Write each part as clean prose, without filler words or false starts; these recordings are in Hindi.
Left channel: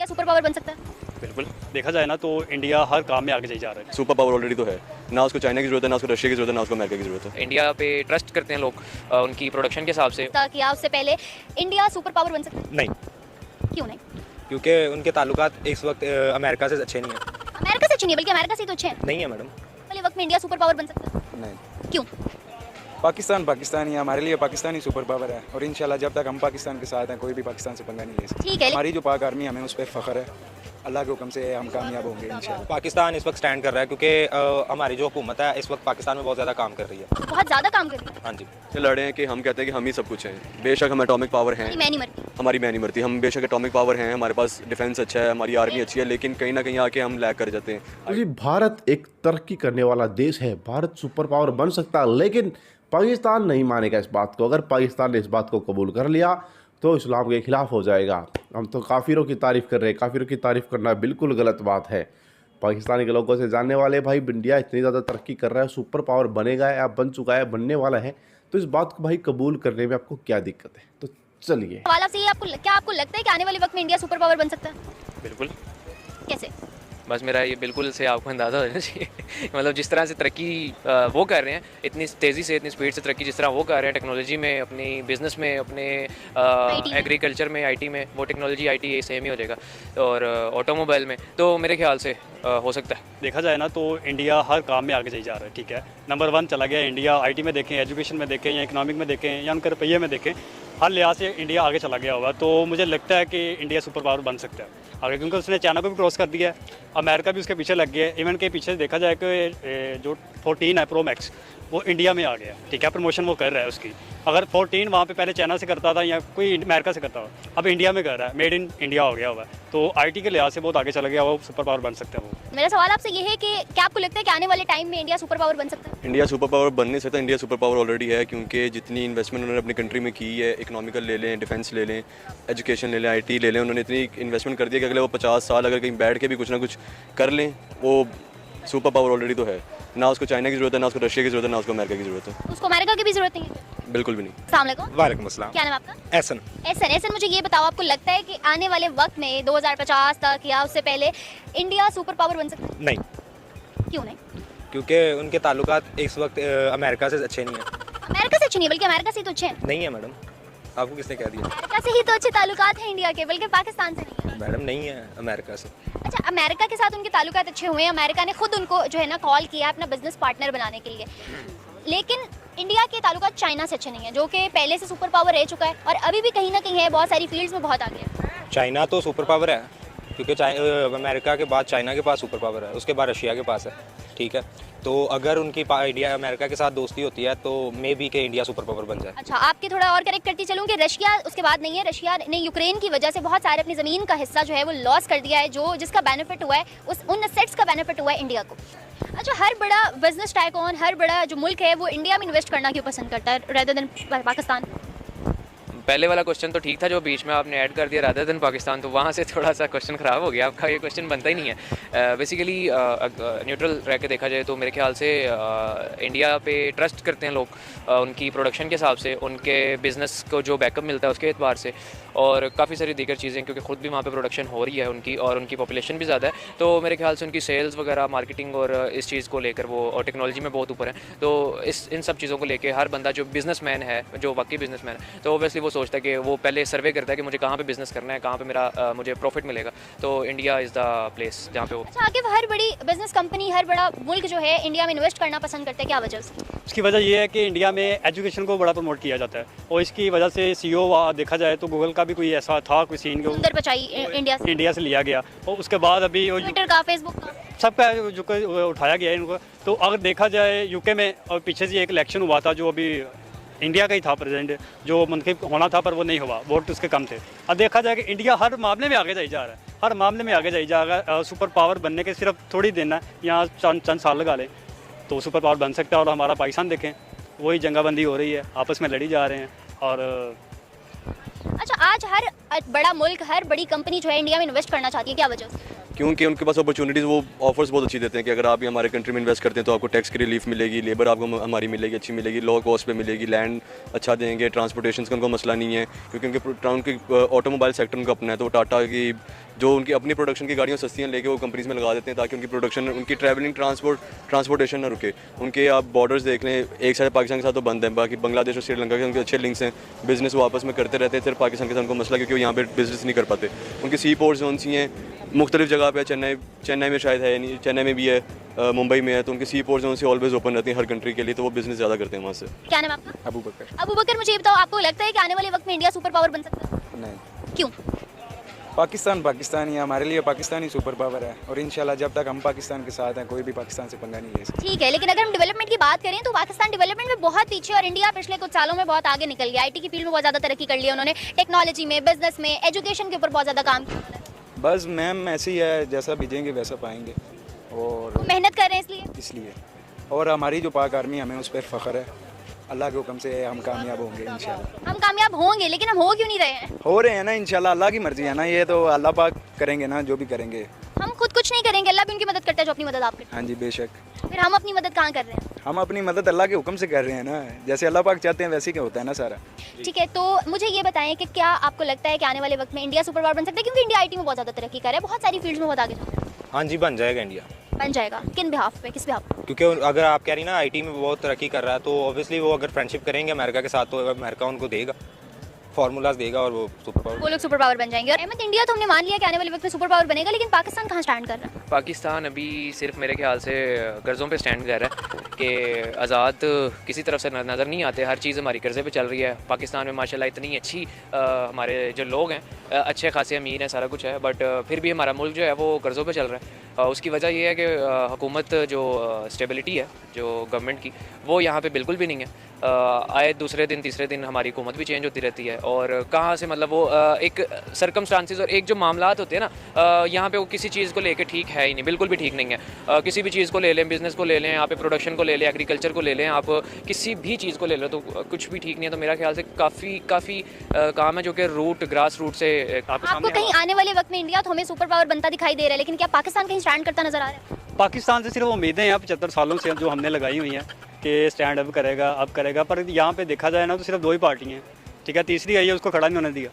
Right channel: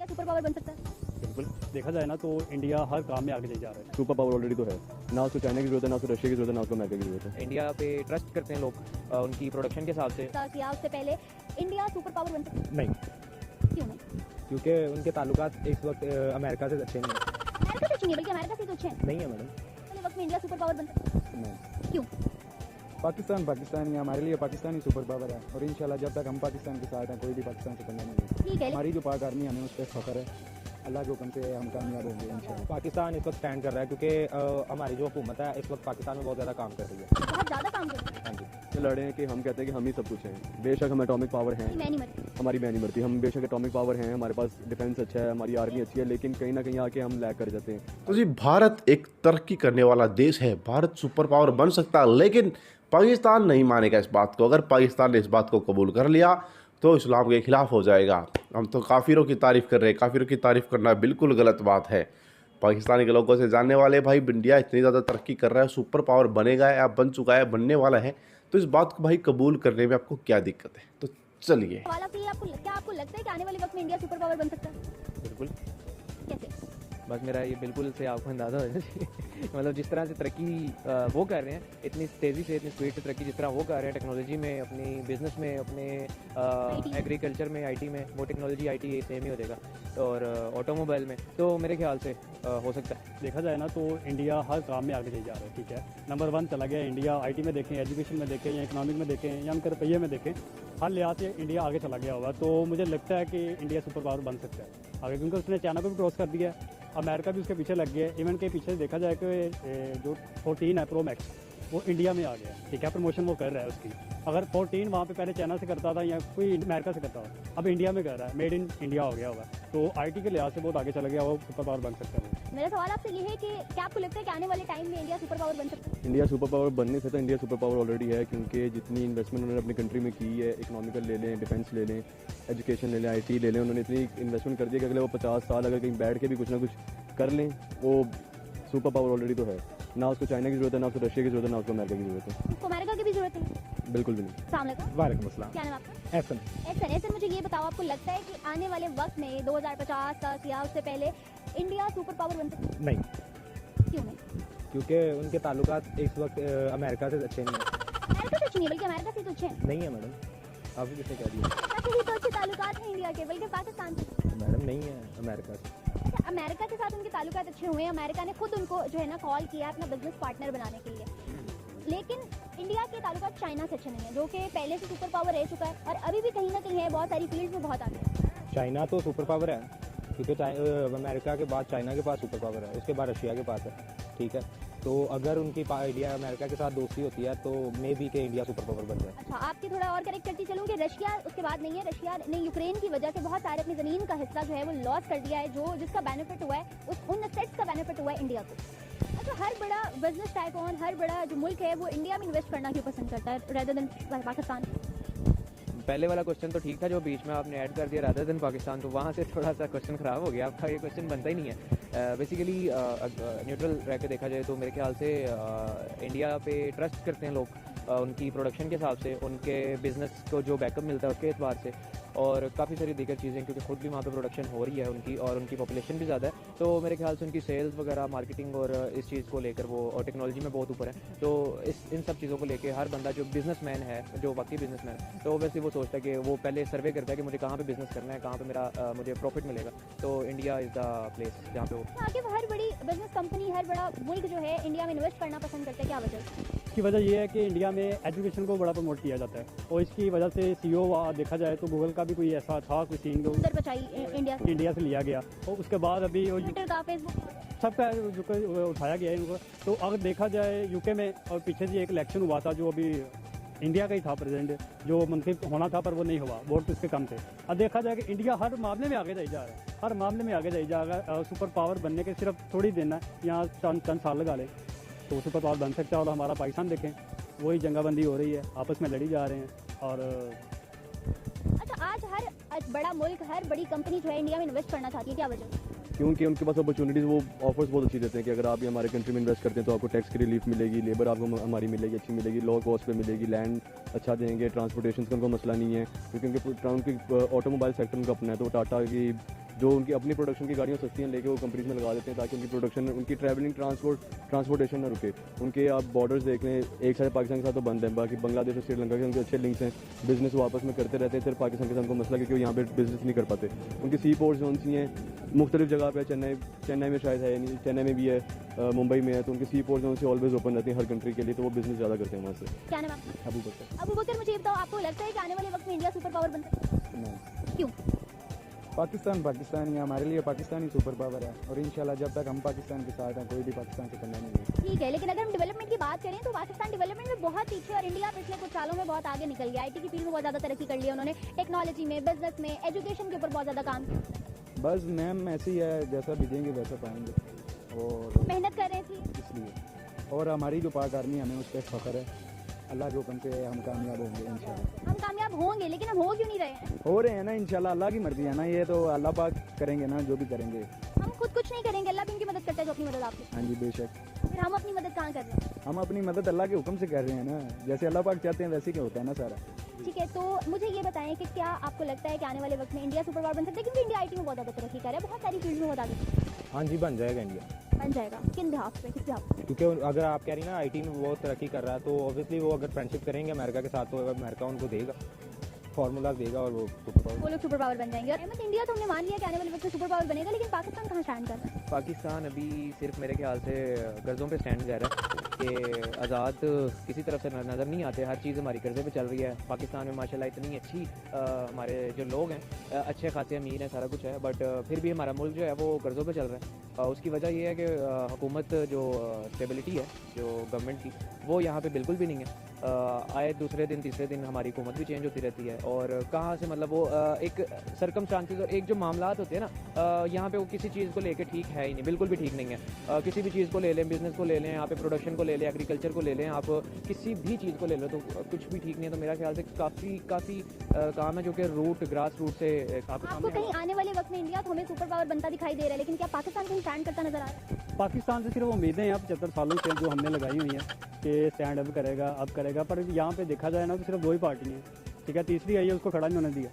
क्या सुपर पावर बन सकता है? बिल्कुल देखा जाए ना तो इंडिया हर काम में आगे जा रहा है। सुपर पावर ऑलरेडी तो है, ना उसको चाइना की जरूरत है, ना उसको रशिया की जरूरत है, ना उसको अमेरिका की जरूरत है। इंडिया पे ट्रस्ट करते हैं लोग उनकी प्रोडक्शन के हिसाब से। क्या उससे पहले इंडिया सुपर पावर बन सकता नहीं, है? क्यों नहीं? क्योंकि उनके ताल्लुकात इस वक्त अमेरिका से अच्छे नहीं है। अमेरिका से अच्छी नहीं है, बल्कि अमेरिका से तो अच्छे हैं। नहीं है मैडम। वाले वक्त में इंडिया सुपर पावर बन सकता है? नहीं, क्यों? पाकिस्तान ही है, हमारे लिए पाकिस्तान ही सुपर पावर है। और इंशाल्लाह जब तक हम पाकिस्तान के साथ हैं कोई भी पाकिस्तान से पंगा नहीं ले सकता। ठीक है, हमारी जो पाक आर्मी है, हमें उस पर फ़ख्र है। अल्लाह के हुक्म से हम कामयाब होंगे इंशाल्लाह। पाकिस्तान इस वक्त स्टैंड कर रहा है क्योंकि हमारी जो हुकूमत है इस वक्त पाकिस्तान में बहुत ज़्यादा काम कर रही है। बहुत ज़्यादा काम कर रही है। हाँ जी। ये लड़े हैं कि हम कहते हैं कि हम ही सब कुछ हैं। बेशक हम एटॉमिक पावर हैं, मैं नहीं मरती। हमारी मैं नहीं मरती, हम बेशक एटॉमिक पावर हैं, हमारे पास डिफेंस अच्छा है, हमारी आर्मी अच्छी है, लेकिन कहीं ना कहीं आके हम लैग कर जाते हैं। तो जी भारत एक तरक्की करने वाला देश है, भारत सुपर पावर बन सकता है, लेकिन पाकिस्तान नहीं मानेगा इस बात को। अगर पाकिस्तान ने इस बात को कबूल कर लिया तो इस्लाम के खिलाफ हो जाएगा। हम तो काफिरों की तारीफ़ कर रहे हैं, काफिरों की तारीफ़ करना बिल्कुल गलत बात है। पाकिस्तानी के लोगों से जानने वाले भाई इंडिया इतनी ज़्यादा तरक्की कर रहा है, सुपर पावर बनेगा या बन चुका है, बनने वाला है, तो इस बात को भाई कबूल करने में आपको क्या दिक्कत है? तो चलिए सवाल आपसे ये, क्या आपको लगता है कि आने वाले वक्त में इंडिया सुपर पावर बन सकता है? बिल्कुल, कैसे? बस मेरा ये बिल्कुल से आपको अंदाज़ा हो जाना चाहिए। मतलब जिस तरह से तरक्की वो कर रहे हैं, इतनी तेज़ी से इतनी स्पीड से तरक्की जिस तरह वो कर रहे हैं टेक्नोलॉजी में, अपनी बिजनेस में, अपने एग्रीकल्चर में, आईटी में, वो टेक्नोलॉजी आईटी सेम ही हो जाएगा, और ऑटोमोबाइल में तो मेरे ख्याल से हो सकता है। देखा जाए ना तो इंडिया हर काम में आगे जा रहा है। ठीक है, नंबर 1 चला गया इंडिया। आईटी में देखें, एजुकेशन में देखें, या इकोनॉमिक में देखें, या उनके रुपये में देखें, हर लिहाज से इंडिया आगे चला गया हुआ। तो मुझे लगता है कि इंडिया सुपर पावर बन सकता है आगे, क्योंकि उसने चाइना को भी क्रॉस कर दिया है, अमेरिका भी उसके पीछे लग गया है। इवन के पीछे देखा जाए कि जो 14 है प्रो मैक्स, वो इंडिया में आ गया। ठीक है, प्रमोशन वो कर रहा है उसकी। अगर 14 वहाँ पे पहले चाइना से करता था या कोई अमेरिका से करता था, अब इंडिया में कर रहा है, मेड इन इंडिया हो गया हुआ है। तो आईटी के लिहाज से बहुत आगे चला गया, वो सुपर पावर बन सकते हैं वो। मेरा सवाल आपसे ये है कि क्या आपको लगता है कि आने वाले टाइम में इंडिया सुपर पावर बन सकता है? इंडिया सुपर पावर बन नहीं सकता, इंडिया सुपर पावर ऑलरेडी है, क्योंकि जितनी इन्वेस्टमेंट उन्होंने अपनी कंट्री में की है, इकोनॉमिकल ले लें, डिफेंस ले लें, एजुकेशन ले लें, आईटी ले लें, उन्होंने इतनी इन्वेस्टमेंट कर दी है कि अगले वो 50 साल अगर कहीं बैठ के भी कुछ ना कुछ कर लें, वो सुपर पावर ऑलरेडी तो है। ना उसको चाइना की जरूरत है, ना उसको रशिया की जरूरत है, ना उसको अमेरिका की जरूरत है। उसको अमेरिका की भी जरूरत नहीं है? बिल्कुल भी नहीं। अस्सलाम वालेकुम। वालेकुम अस्सलाम। क्या नाम है आपका? एहसन। एहसन, मुझे ये बताओ, आपको लगता है कि आने वाले वक्त में 2050 तक या उससे पहले इंडिया सुपर पावर बन सकता है? नहीं, क्यों नहीं? क्योंकि उनके ताल्लुकात इस वक्त अमेरिका से अच्छे नहीं है। अमेरिका से अच्छी नहीं, बल्कि अमेरिका से तो अच्छे हैं। नहीं है मैडम, आपको किसने कह दिया? अमेरिका से ही तो अच्छे ताल्लुकात हैं इंडिया के, बल्कि पाकिस्तान से नहीं है। मैडम नहीं है अमेरिका से। अच्छा, अमेरिका के साथ उनके ताल्लुकात अच्छे हुए हैं, अमेरिका ने खुद उनको जो है ना कॉल किया अपना बिजनेस पार्टनर बनाने के लिए, लेकिन इंडिया के ताल्लुकात चाइना से अच्छे नहीं है, जो कि पहले से सुपर पावर रह चुका है और अभी भी कहीं ना कहीं है, बहुत सारी फील्ड्स में बहुत आगे है। चाइना तो सुपर पावर है, क्योंकि अमेरिका के बाद चाइना के पास सुपर पावर है, उसके बाद रशिया के पास है। ठीक है, तो अगर उनकी इंडिया अमेरिका के साथ दोस्ती होती है तो मे बी के इंडिया सुपर पावर बन जाए। अच्छा, आपके थोड़ा और करेक्ट करती चलूँ कि रशिया उसके बाद नहीं है। रशिया ने यूक्रेन की वजह से बहुत सारे अपनी ज़मीन का हिस्सा जो है वो लॉस कर दिया है, जो जिसका बेनिफिट हुआ है उन असेट्स का बेनिफिट हुआ है इंडिया को। अच्छा, हर बड़ा बिजनेस टाइकॉन, हर बड़ा जो मुल्क है वो इंडिया में इन्वेस्ट करना क्यों पसंद करता है रेदर देन पाकिस्तान? पहले वाला क्वेश्चन तो ठीक था, जो बीच में आपने ऐड कर दिया रादर देन पाकिस्तान, तो वहाँ से थोड़ा सा क्वेश्चन ख़राब हो गया आपका। ये क्वेश्चन बनता ही नहीं है। बेसिकली न्यूट्रल रह के देखा जाए तो मेरे ख्याल से इंडिया पे ट्रस्ट करते हैं लोग उनकी प्रोडक्शन के हिसाब से, उनके बिज़नेस को जो बैकअप मिलता है उसके एतबार से, और काफ़ी सारी दीगर चीज़ें, क्योंकि ख़ुद भी वहाँ पे प्रोडक्शन हो रही है उनकी, और उनकी पॉपुलेशन भी ज़्यादा है, तो मेरे ख्याल से उनकी सेल्स वगैरह, मार्केटिंग और इस चीज़ को लेकर वो, और टेक्नोलॉजी में बहुत ऊपर है। तो इन सब चीज़ों को लेकर हर बंदा जो बिज़नेसमैन है, जो वाकई बिज़नेसमैन है, तो ओबियसली वो सोचता है कि वो पहले सर्वे करता है कि मुझे कहाँ पे बिज़नेस करना है, कहाँ पे मेरा मुझे प्रॉफिट मिलेगा, तो इंडिया इज़ द प्लेस जहाँ पे वो। अच्छा, आगे हर बड़ी बिजनेस कंपनी, हर बड़ा मुल्क जो है इंडिया में इन्वेस्ट करना पसंद करता है, क्या वजह से? इसकी वजह ये है कि इंडिया में एजुकेशन को बड़ा प्रमोट किया जाता है, और इसकी वजह से सीईओ देखा जाए तो गूगल का भी कोई ऐसा था, कोई सीन को सुंदर पिचाई इंडिया से लिया गया, और उसके बाद अभी ट्विटर का, फेसबुक का, सबका जो उठाया गया है इनको। तो अगर देखा जाए यूके में, और पीछे से एक इलेक्शन हुआ था जो अभी इंडिया का ही था प्रेसिडेंट, जो मंतखब होना था पर वो नहीं हुआ, वोट उसके कम थे। अब देखा जाए कि इंडिया हर मामले में आगे जा रहा है, हर मामले में आगे जा रहा है। सुपर पावर बनने के सिर्फ थोड़ी दिन है, यहाँ चंद साल लगा लें तो सुपर पावर बन सकता है। और हमारा पाकिस्तान देखें, वही जंगाबंदी हो रही है, आपस में लड़ी जा रहे हैं। और अच्छा, आज हर बड़ा मुल्क, हर बड़ी कंपनी जो है इंडिया में इन्वेस्ट करना चाहती है, क्या वजह से? क्योंकि उनके पास अपॉर्चुनिटीज़, वो ऑफर्स बहुत अच्छी देते हैं कि अगर आप हमारे कंट्री में इन्वेस्ट करते हैं तो आपको टैक्स की रिलीफ मिलेगी, लेबर आपको हमारी मिलेगी, अच्छी मिलेगी, लो कॉस्ट पे मिलेगी, लैंड अच्छा देंगे, ट्रांसपोर्टेशन का उनको मसला नहीं है, क्योंकि उनके ऑटोमोबाइल सेक्टर उनका अपना है, तो टाटा की जो उनकी अपनी प्रोडक्शन की गाड़ियाँ सस्तियाँ लेके वो कंपनीज में लगा देते हैं ताकि उनकी प्रोडक्शन, उनकी ट्रैवलिंग ट्रांसपोर्टेशन ना रुके। उनके आप बॉर्डर्स देख लें, एक साइड पाकिस्तान के साथ तो बंद है, बाकी बांग्लादेश और श्रीलंका के उनके अच्छे लिंक्स हैं, बिजनेस वो आपस में करते रहते हैं। सिर्फ पाकिस्तान के साथ उनको मसला क्योंकि वो यहाँ पे बिजनेस नहीं कर पाते। उनके सी पोर्ट जोन ही हैं, मुख्तलिफ जगह पे, चेन्नई में शायद है नहीं, चेन्नई में भी है, मुंबई में है, तो उनके सी पोर्ट जोन से ऑलवेज ओपन रहती हैं हर कंट्री के लिए, तो वो बिजनेस ज़्यादा करते हैं वहाँ से। क्या नाम है आपका? अबू बकर। अबू बकर, मुझे ये बताओ, आपको लगता है कि आने वाले वक्त में इंडिया सुपर पावर बन सकता है? नहीं, क्यों? पाकिस्तान ही है, हमारे लिए पाकिस्तान ही सुपर पावर है और इंशाल्लाह जब तक हम पाकिस्तान के साथ हैं कोई भी पाकिस्तान से पंगा नहीं ले सकता। ठीक है, लेकिन अगर हम डेवलपमेंट की बात करें तो पाकिस्तान डेवलपमेंट में बहुत पीछे और इंडिया पिछले कुछ सालों में बहुत आगे निकल गया। आईटी की फील्ड में बहुत ज़्यादा तरक्की कर ली उन्होंने, टेक्नोलॉजी में, बिजनेस में, एजुकेशन के ऊपर बहुत ज़्यादा काम किया उन्होंने। बस मैम ऐसे ही है, जैसा बीजेंगे वैसा पाएंगे और वो मेहनत कर रहे हैं इसलिए। और हमारी जो पाक आर्मी, हमें उस पर फ़ख्र है, अल्लाह के हुक्म से हम कामयाब होंगे इंशाल्लाह। हम कामयाब होंगे, लेकिन हम हो क्यों नहीं रहे हैं? हो रहे हैं ना इंशाल्लाह, अल्लाह की मर्जी है ना, ये तो अल्लाह पाक करेंगे ना जो भी करेंगे। हम खुद कुछ नहीं करेंगे, अल्लाह भी उनकी मदद करता है जो अपनी मदद आपके। हाँ जी बेशक। फिर हम अपनी मदद कहाँ कर रहे हैं? हम अपनी मदद अल्लाह के हुक्म से कर रहे हैं ना, जैसे अल्लाह पाक चाहते हैं वैसे ही होता है ना सारा। ठीक है, तो मुझे ये बताएं कि क्या आपको लगता है कि आने वाले वक्त में इंडिया सुपर पावर बन सकता है? क्योंकि इंडिया आईटी में बहुत ज़्यादा तरक्की कर रहा है, बहुत सारी फील्ड्स में बहुत आगे। हाँ जी, बन जाएगा इंडिया। बन जाएगा, किन बिहाफ पे, किस बिहाफ पे? क्योंकि अगर आप कह रही ना आईटी में बहुत तरक्की कर रहा है, तो ऑब्वियसली वो अगर फ्रेंडशिप करेंगे अमेरिका के साथ तो अमेरिका उनको देगा, फार्मूलाज देगा और वो सुपर पावर, वो लोग सुपर पावर बन जाएंगे। और अहमद, इंडिया तो हमने मान लिया कि आने वाले वक्त में सुपर पावर बनेगा, लेकिन पाकिस्तान कहाँ स्टैंड कर रहा है? पाकिस्तान अभी सिर्फ मेरे ख्याल से कर्ज़ों पे स्टैंड कर रहा है कि आज़ाद किसी तरफ से नज़र नहीं आते, हर चीज़ हमारी कर्ज़े पे चल रही है। पाकिस्तान में माशाल्लाह इतनी अच्छी हमारे जो लोग हैं अच्छे खासे अमीर हैं, सारा कुछ है, बट फिर भी हमारा मुल्क जो है वो कर्ज़ों पे चल रहा है। उसकी वजह ये है कि हुकूमत जो स्टेबिलिटी है जो गवर्नमेंट की, वो यहाँ पे बिल्कुल भी नहीं है। आए दूसरे दिन तीसरे दिन हमारी हुकूमत भी चेंज होती रहती है, और कहाँ से मतलब वो एक सर्कमस्टांसिस और एक जो मामलात होते हैं ना, यहाँ पे वो किसी चीज़ को लेके ठीक है ही नहीं, बिल्कुल भी ठीक नहीं है। किसी भी चीज़ को ले लें, बिज़नेस को ले लें, आप प्रोडक्शन को ले लें, एग्रीकल्चर को ले लें, आप किसी भी चीज़ को ले लें, तो कुछ भी ठीक नहीं है। तो मेरा ख्याल से काफ़ी काम है जो कि ग्रास रूट से आपको कहीं आने वाले वक्त में इंडिया तो हमें सुपर पावर बनता दिखाई दे रहा है, लेकिन क्या पाकिस्तान कहीं स्टैंड करता नजर आ रहा है? पाकिस्तान से सिर्फ उम्मीदें हैं 75 सालों से जो हमने लगाई हुई हैं कि स्टैंड अब करेगा, पर यहाँ पे देखा जाए ना तो सिर्फ दो ही पार्टी हैं, ठीक है। तीसरी आई है, उसको खड़ा नहीं होने दिया,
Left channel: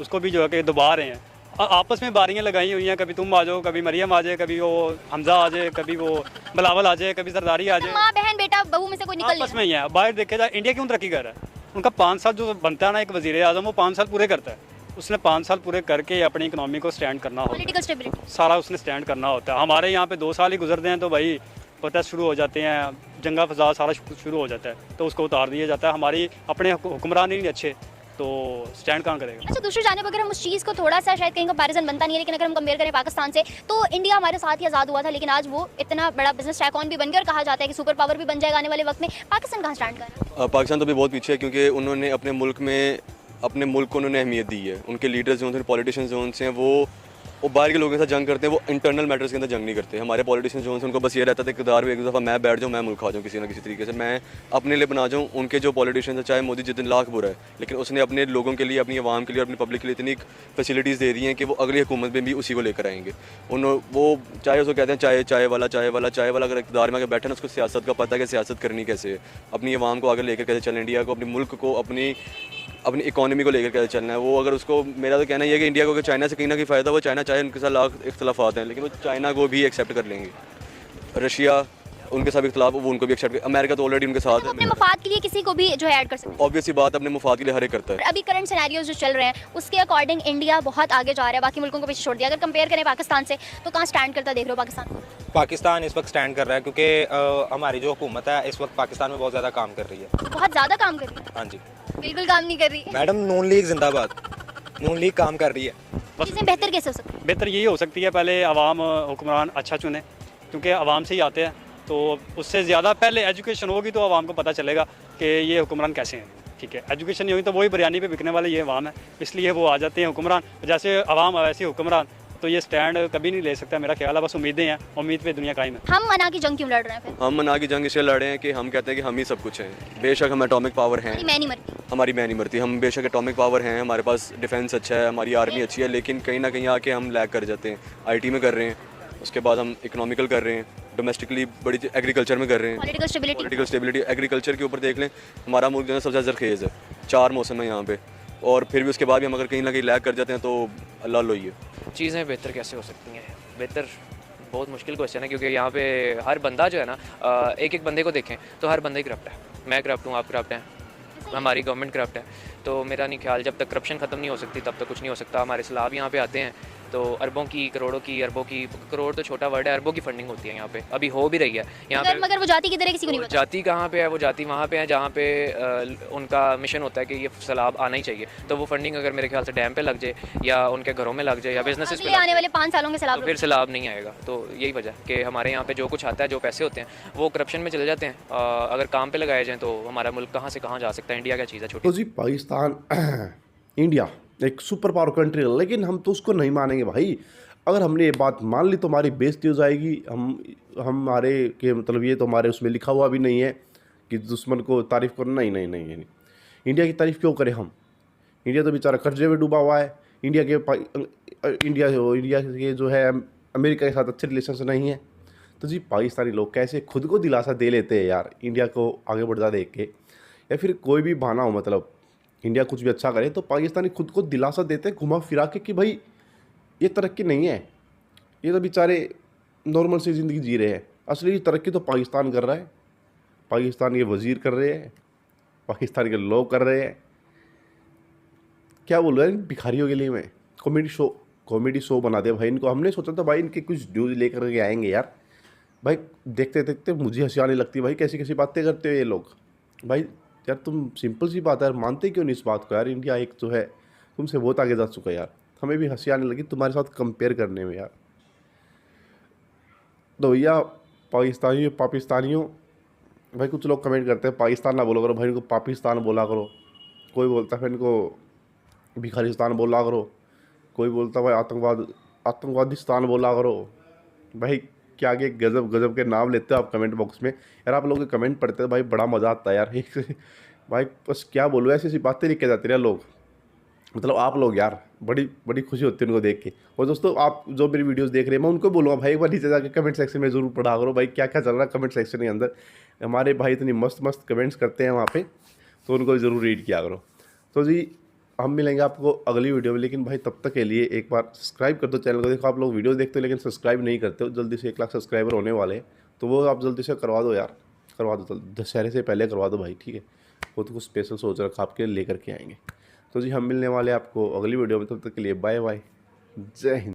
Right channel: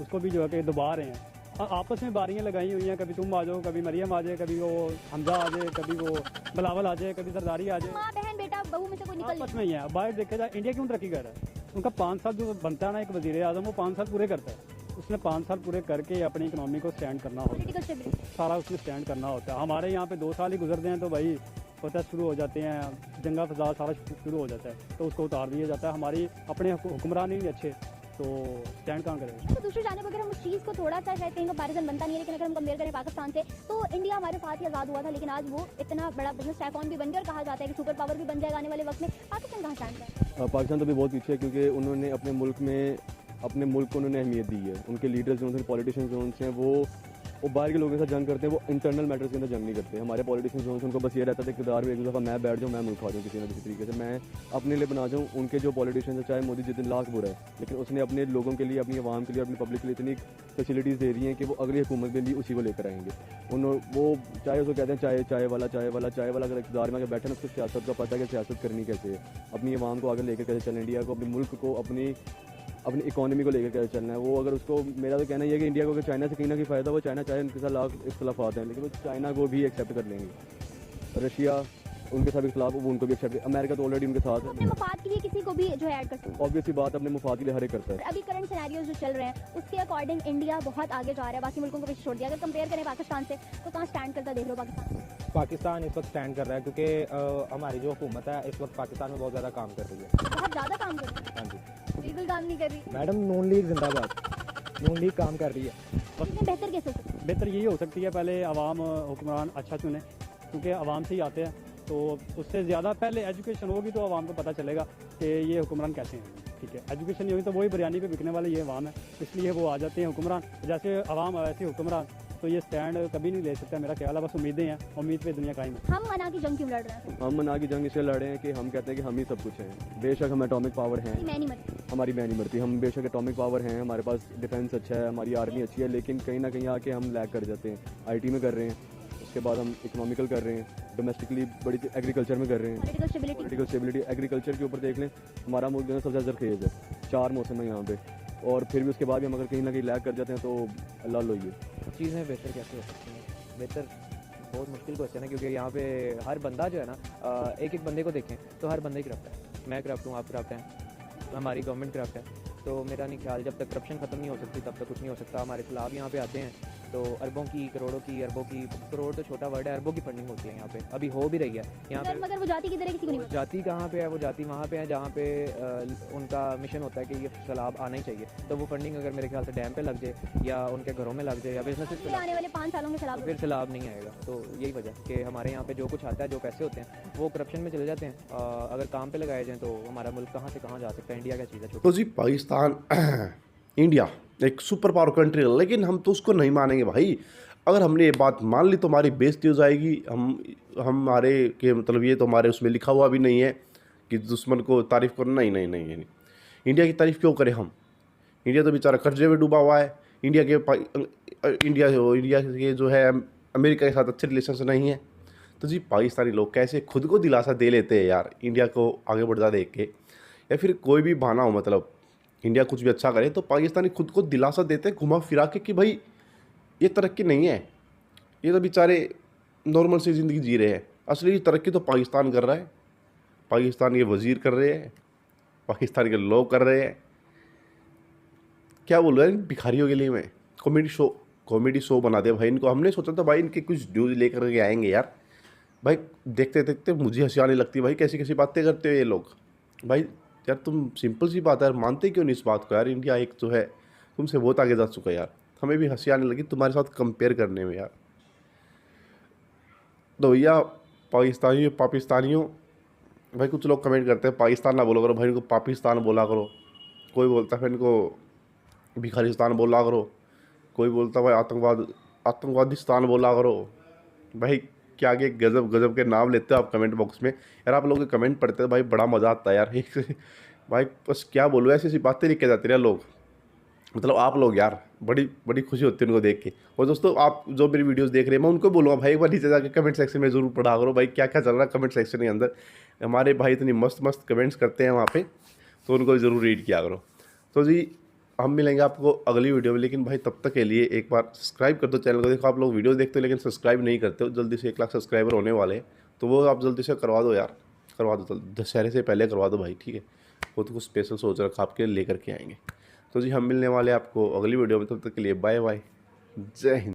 उसको भी जो है कि दबा रहे हैं। आपस में बारियाँ लगाई हुई हैं, कभी तुम आ जाओ, कभी मरियम आ जाए, कभी वो हमजा आ जाए, कभी वो बिलावल आ जाए, कभी जरदारी आ जाए, माँ बहन बेटा बहू में से कोई निकल आपस में ही है। बाहर देखे जाए इंडिया क्यों तरक्की कर रहा है? उनका 5 साल जो बनता है ना एक वज़ीर आज़म, वो 5 साल पूरे करता है। उसने 5 साल पूरे करके अपनी इकनॉमी को स्टैंड करना होता पॉलिटिकल स्टेबिलिटी। है, सारा उसने स्टैंड करना होता है। हमारे यहाँ पे 2 साल ही गुजरते हैं तो भाई प्रोटेस्ट शुरू हो जाते हैं, जंगा फसाद सारा शुरू हो जाता है, तो उसको उतार दिया जाता है। हमारी अपने हुक्मरान ही नहीं अच्छे, तो स्टैंड कहाँ करेगा? अच्छा, दूसरी जानिब अगर हम उस चीज़ को थोड़ा सा, शायद कहीं कंपैरिजन बनता नहीं है, लेकिन अगर हम कंपेयर करें पाकिस्तान से, तो इंडिया हमारे साथ ही आज़ाद हुआ था, लेकिन आज वो इतना बड़ा बिजनेस टाइकॉन भी बन गया और कहा जाता है कि सुपर पावर भी बन जाएगा आने वाले वक्त में। पाकिस्तान कहाँ स्टैंड कर रहा है? पाकिस्तान तो अभी बहुत पीछे है क्योंकि उन्होंने अपने मुल्क को उन्होंने अहमियत दी है। उनके लीडर्स जो हैं, पॉलिटिशियंस जो हैं, वो बाहर के लोगों के साथ जंग करते हैं, वो इंटरनल मैटर्स के अंदर जंग नहीं करते। हमारे पॉलिटिशियंस जो हैं उनको बस ये रहता था इक़्तिदार में एक दफ़ा मैं बैठ जाऊँ, मैं मुल्क खा जाऊँ किसी ना किसी तरीके से, मैं अपने लिए बना जाऊँ। उनके जो पॉलिटिशियंस हैं, चाहे मोदी जितने लाख बुरा है, लेकिन उसने अपने लोगों के लिए, अपनी आवाम के लिए, अपनी पब्लिक के लिए इतनी फैसिलिटीज़ दे दी हैं कि वो अगली हुकूमत में भी उसी को लेकर आएंगे। वो चाहे उसको कहते हैं चाय वाला अगर इक़्तिदार में आगे बैठे ना, उसको सियासत का पता है कि सियासत करनी कैसे है, अपनी आवाम को आगे लेकर कैसे चलें, इंडिया को, अपने मुल्क को, अपनी इकोनॉमी को लेकर कैसे चलना है। वो अगर उसको, मेरा तो कहना ये है कि इंडिया को अगर चाइना से कहीं ना कहीं फ़ायदा हो, चाइना चाहे उनके साथ लाख इख्तलाफात हैं, लेकिन वो चाइना को भी एक्सेप्ट कर लेंगे। रशिया उनके साथ इख्तलाफ, वो उनको भी एक्सेप्ट, अमेरिका तो ऑलरेडी उनके साथ है। अपने मफाद के लिए किसी को भी जो है ऐड कर सकते हैं। ऑब्वियस सी बात, अपने मुफाद के लिए हर एक करता है। अभी करंट सिनेरियोज जो चल रहे हैं उसके अकॉर्डिंग इंडिया बहुत आगे जा रहा है, बाकी मुल्कों को पीछे छोड़ दिया। अगर कंपेयर करें पाकिस्तान से, तो कहाँ स्टैंड करता देख रहे हो पाकिस्तान? पाकिस्तान इस वक्त स्टैंड कर रहा है क्योंकि हमारी जो हुकूमत है इस वक्त पाकिस्तान में बहुत ज़्यादा काम कर रही है। बहुत ज़्यादा काम कर रही है? हाँ जी, बिल्कुल काम नहीं कर रही। मैडम नून लीग जिंदाबाद, नून लीग काम कर रही है। चीज़ें बेहतर कैसे हो सकती है? बेहतर यही हो सकती है, पहले आवाम हुक्मरान अच्छा चुने, क्योंकि आवाम से ही आते हैं, तो उससे ज़्यादा पहले एजुकेशन होगी तो आवाम को पता चलेगा कि ये हुक्मरान कैसे हैं, ठीक है। एजुकेशन नहीं हुई तो वही बिरयानी पे बिकने वाले ये आवाम है, इसलिए वो आ जाते हैं हुक्मरान। जैसे आवाम वैसे हुक्मरान, तो ये स्टैंड कभी नहीं ले सकता मेरा ख्याल है। बस उम्मीदें हैं, उम्मीद पे दुनिया कायम है। हम मना की जंग क्यों लड़ रहे हैं फिर? हम मना की जंग इसलिए लड़े हैं कि हम कहते हैं कि हम ही सब कुछ हैं। बेशक हम एटॉमिक पावर हैं, मैं नहीं मरती, हमारी मैं नहीं मरती, हम बेशक एटॉमिक पावर हैं, हमारे पास डिफेंस अच्छा है, हमारी आर्मी अच्छी है, लेकिन कहीं ना कहीं आके हम लैग कर जाते हैं। आईटी में कर रहे हैं, उसके बाद हम इकोनॉमिकल कर रहे हैं, डोमेस्टिकली बड़ी एग्रीकल्चर में कर रहे हैं, पॉलिटिकल स्टेबिलिटी। एग्रीकल्चर के ऊपर देख लें, हमारा मुल्क जो है सबसे ज़्यादा जरखेज़ है, 4 मौसम है यहाँ पे, और फिर भी उसके बाद भी हम अगर कहीं ना कहीं लैग कर जाते हैं तो अल्लाह लो ही है। चीज़ें बेहतर कैसे हो सकती हैं? बेहतर बहुत मुश्किल क्वेश्चन है, क्योंकि यहाँ पे हर बंदा जो है ना, एक एक बंदे को देखें तो हर बंदा ही करप्ट है। मैं करप्ट हूँ, आप करप्ट हैं, हमारी गवर्नमेंट करप्ट है। तो मेरा नहीं ख्याल, जब तक करप्शन ख़त्म नहीं हो सकती तब तक कुछ नहीं हो सकता। हमारे सैलाब यहाँ पे आते हैं तो अरबों की, करोड़ों की, अरबों की, करोड़ तो छोटा वर्ड है, अरबों की फंडिंग होती है यहाँ पे, अभी हो भी रही है यहाँ पे। मगर वो जाति की तरह किसी को नहीं वो पता। जाति कहाँ पे है? वो जाति वहाँ पे है जहाँ पे उनका मिशन होता है कि ये सैलाब आना ही चाहिए। तो वो फंडिंग अगर मेरे ख्याल से डैम पे लग जाए या उनके घरों में लग जाए या बिजनेसेस पे अगले लग आने जाए, वाले 5 सालों के तो सैलाब फिर सैलाब नहीं आएगा। तो यही वजह है कि हमारे यहाँ पे जो कुछ आता है, जो पैसे होते हैं वो करप्शन में चले जाते हैं। अगर काम पे लगाए जाएँ तो हमारा मुल्क कहाँ से कहाँ जा सकता है। इंडिया क्या चीज़ है छोटी। तो जी पाकिस्तान इंडिया एक सुपर पावर कंट्री है, लेकिन हम तो उसको नहीं मानेंगे भाई। अगर हमने ये बात मान ली तो हमारी बेइज्जती हो जाएगी। हमारे के मतलब ये तो हमारे उसमें लिखा हुआ भी नहीं है कि दुश्मन को तारीफ़ करो। नहीं नहीं नहीं नहीं, इंडिया की तारीफ़ क्यों करें हम? इंडिया तो बेचारा कर्जे में डूबा हुआ है। इंडिया के जो है अमेरिका के साथ अच्छे रिलेशन से नहीं है। तो जी पाकिस्तानी लोग कैसे खुद को दिलासा दे लेते हैं यार इंडिया को आगे बढ़ता देख के, या फिर कोई भी बहाना हो, मतलब इंडिया कुछ भी अच्छा करे तो पाकिस्तानी खुद को दिलासा देते हैं घुमा फिरा के कि भाई ये तरक्की नहीं है, ये तो बेचारे नॉर्मल सी ज़िंदगी जी रहे हैं। असली तरक्की तो पाकिस्तान कर रहा है, पाकिस्तान के वज़ीर कर रहे हैं, पाकिस्तान के लोग कर रहे हैं। क्या बोल रहा है भिखारियों के लिए? मैं कॉमेडी शो बना दिया भाई इनको। हमने सोचा था भाई इनके कुछ न्यूज़ लेकर के आएंगे यार। भाई देखते देखते मुझे हंसी आने लगती है भाई, कैसी कैसी बातें करते हो ये लोग। भाई यार तुम सिंपल सी बात है यार, मानते क्यों नहीं इस बात को यार? इंडिया एक जो है तुमसे बहुत आगे जा चुका है यार। हमें भी हंसी आने लगी तुम्हारे साथ कंपेयर करने में यार। तो भैया पाकिस्तानियों भाई, कुछ लोग कमेंट करते हैं पाकिस्तान ना बोलो करो भाई, इनको पाकिस्तान बोला करो। कोई बोलता है फिर इनको भिखारिस्तान बोला करो, कोई बोलता है भाई आतंकवादिस्तान बोला करो। भाई क्या आगे गजब गजब के नाम लेते हो आप कमेंट बॉक्स में यार। आप लोग के कमेंट पढ़ते हैं भाई, बड़ा मज़ा आता है यार। भाई बस क्या बोलूँ, ऐसी ऐसी बातें लिख के जाते हैं लोग, मतलब आप लोग यार, बड़ी बड़ी खुशी होती है उनको देख के। और दोस्तों आप जो मेरी वीडियोस देख रहे हैं, मैं उनको बोलूँगा भाई एक बार नीचे जाके कमेंट सेक्शन में ज़रूर पढ़ा करो भाई क्या क्या चल रहा है कमेंट सेक्शन के अंदर। हमारे भाई इतनी मस्त मस्त कमेंट्स करते हैं वहाँ पे, तो उनको ज़रूर रीड किया करो। तो जी हम मिलेंगे आपको अगली वीडियो में, लेकिन भाई तब तक के लिए एक बार सब्सक्राइब कर दो चैनल को। देखो आप लोग वीडियो देखते हो लेकिन सब्सक्राइब नहीं करते हो। जल्दी से 1 लाख सब्सक्राइबर होने वाले हैं, तो वो आप जल्दी से करवा दो यार, करवा दो दशहरे से पहले करवा दो भाई, ठीक है। वो तो कुछ स्पेशल सोच रखा आपके लेकर के आएंगे। तो जी हम मिलने वाले आपको अगली वीडियो में, तब तक के लिए बाय बाय, जय हिंद।